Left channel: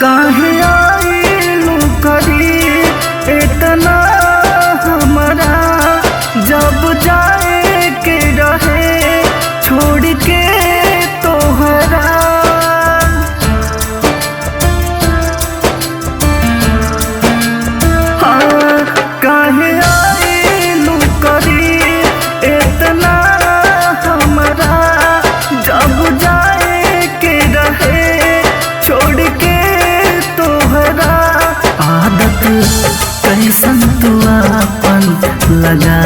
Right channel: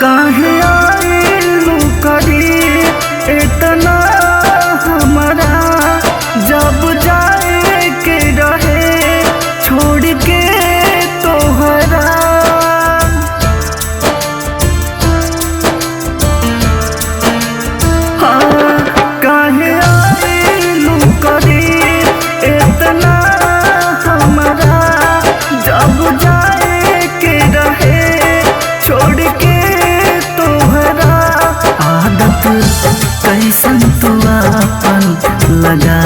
काहे आइलू करी इतना हमारा, जब जाए के रहे छोड़ के तोहरा। हाँ, काहे आइलू करी इतना हमारा, जब जाए के रहे छोड़ के तोहरा। आदत कैसन तू आपन लगा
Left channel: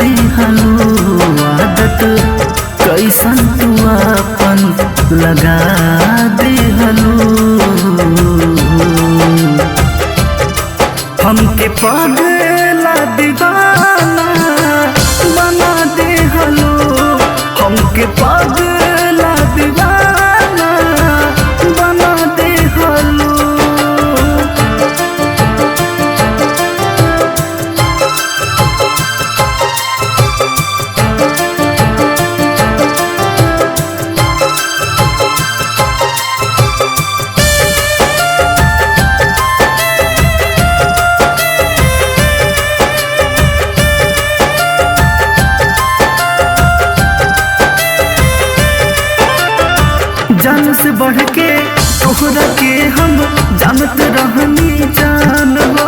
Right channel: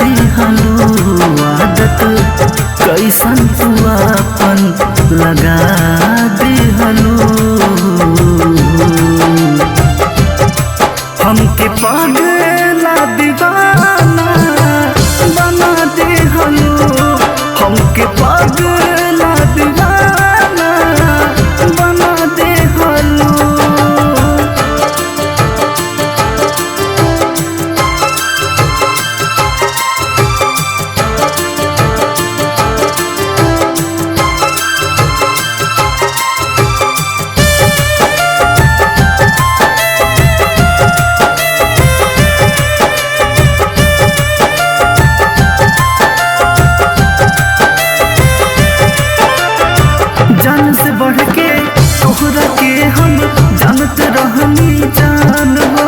दिहलू, आदत कैसन तू आपन लगा दिहलू। हमके पागला दीवाना बना दिहलू, हमके पागला दीवाना बना दिहलू। जान से बढ़ के तोहरा के हम जानत रहनी जान हो,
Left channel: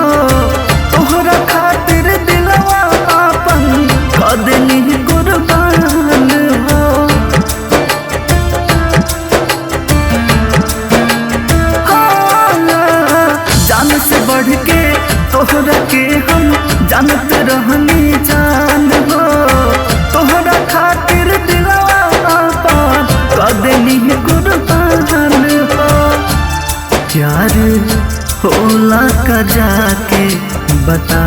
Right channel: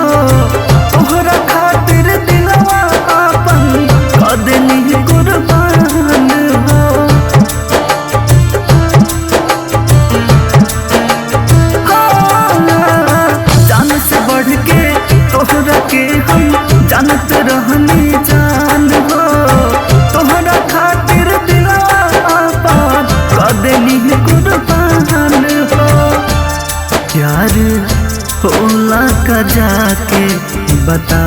तोहरा खातिर दिलवा आपन क देनी कुर्बान हो। जान से बढ़ के तोहरा के हम जानत रहनी जान हो, तोहरा खातिर दिलवा आपन क देनी कुर्बान हो। प्यार होला का जाके बता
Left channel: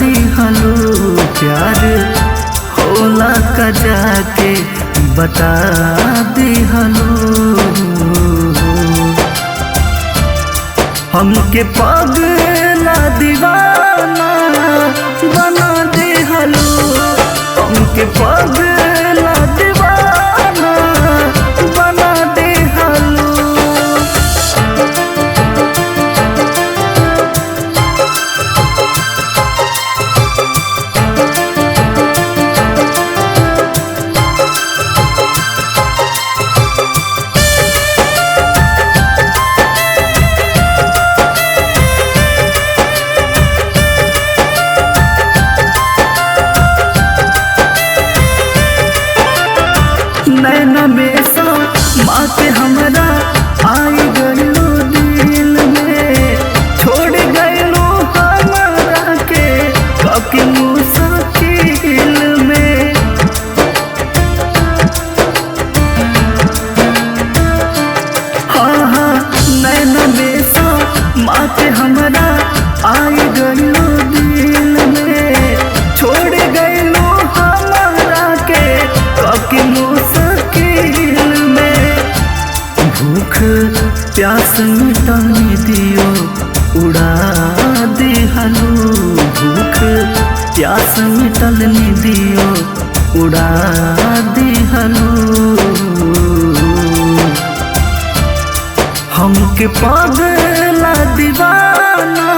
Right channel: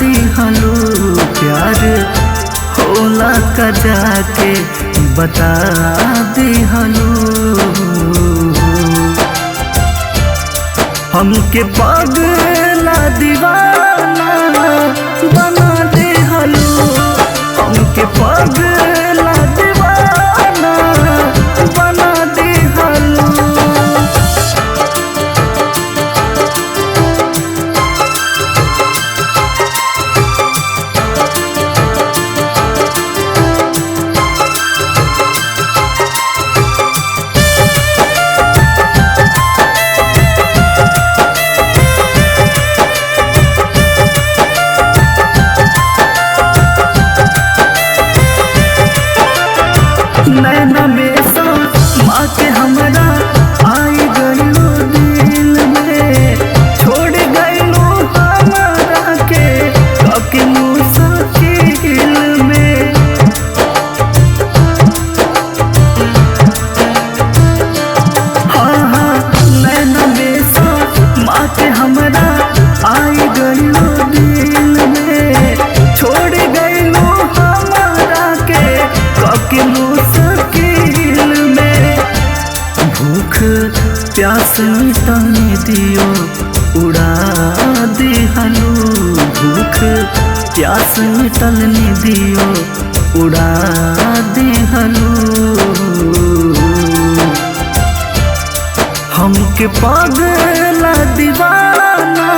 दिहलू, प्यार होला का जाके बता दिहलू। हमके पागला दीवाना बना दिहलू, हमके पागला दीवाना बना दिहलू। नैना में सा माँ के हमरा आई गईलो दिल में, छोड़ गईलो हमारा के काके मुश्किल में। हाँ हाँ, नैना में सा माँ के हमरा आई गईलो दिल में, छोड़ गईलो हमारा के काके मुश्किल में। भूख प्यास मिटाने दियो उड़ा दिहलू, भूख प्यास मिटलने दियो उड़ा दिहलू। हमके पागला दीवाना